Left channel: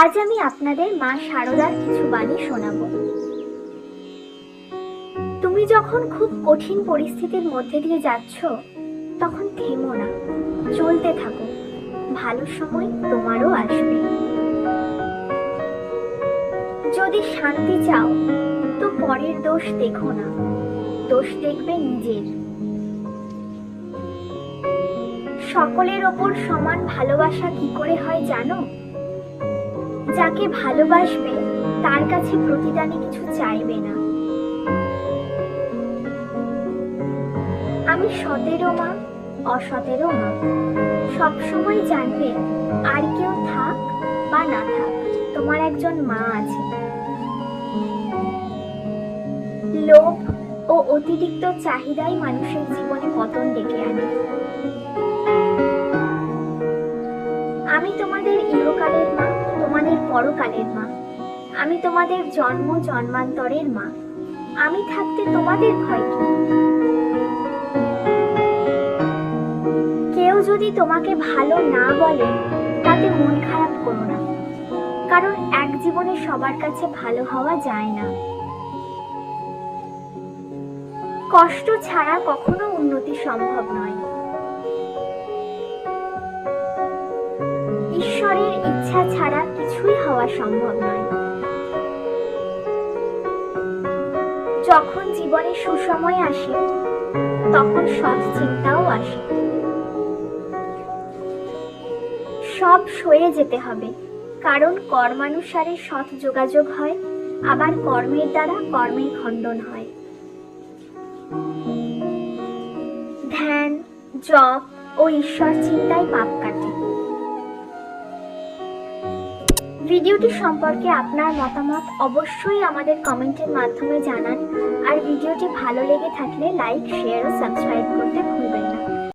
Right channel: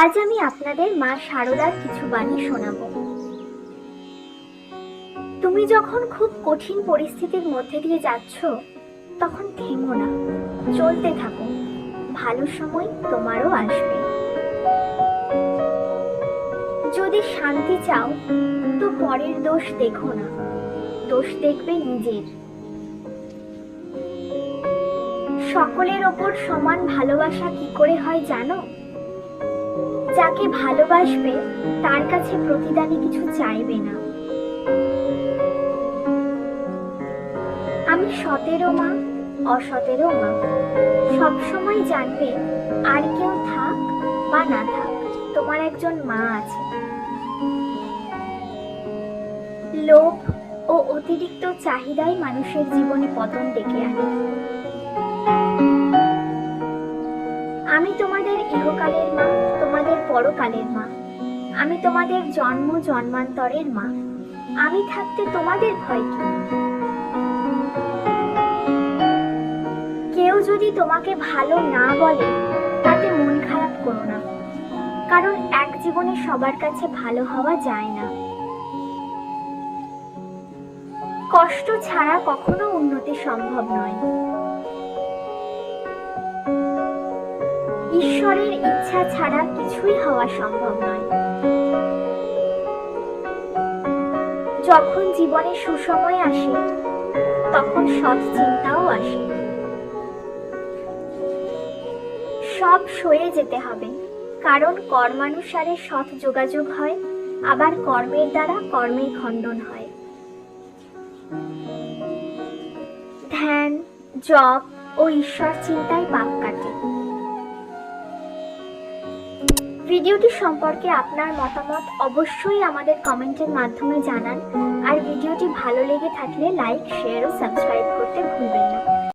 আজ আমি আপনাদের মা শারদার কিছু বাণী শোনাব। তুমি যখন খুব কঠিন পরিস্থিতির মধ্যে দিয়ে যাচ্ছ, তখন থেমো না। চলতে থাকো। ভালো সময় তোমারও আসবে। যদি শান্তি চাও, তো পরের দোষ দেখো না। দোষ দেখবে নিজের। সকলের ওপর সমান ভালোবাসা কি করে হয় জানো? যাকে ভালোবাসবে, তার কাছে প্রতিদানে কিছু চাইবে না। আমি সতেরো মা, অসতেরো মা। সবসময় জানবে আর কেউ থাক বা না থাক, তোমার একজন মা আছে। লোভ ও অতিরিক্ত চাহিদাই মানুষের জীবনে পতন ডেকে আনে। পরকালের মা। আমি তোমাদের জন্ম জন্মান্তরের মা। আমি থাকতে তোমাদের ভয় কি? কেউ যদি তোমাকে ভালো না বলে, তাতে মন খারাপ করো না। কারণ এক জীবনে সবার কাছে ভালো হওয়া যায় না। কষ্ট ছাড়া কখনো উন্নতি সম্ভব নয়। ঈশ্বরের ইচ্ছা ছাড়া কিছুই হওয়া সম্ভব নয়। যখন জীবনে সুসময় আসে, তখন সৎ চিন্তাও আসে। সব সয়ে যেতে হবে, কারণ কর্মানুসারে সৎ যোগাযোগ হয়, আবার কর্মের দ্বারা কর্মের খণ্ডন হয়। ধ্যান, জপ ও ঈশ্বর চিন্তায় পাপ কাটে। ভিডিওটি সম্পর্কে আপনার মতামত অবশ্যই আমাদের কমেন্টের মাধ্যমে জানান। আর ভিডিওটি ভালো লেগে থাকলে লাইক, শেয়ার ও সাবস্ক্রাইব করতে ভুলবেন না।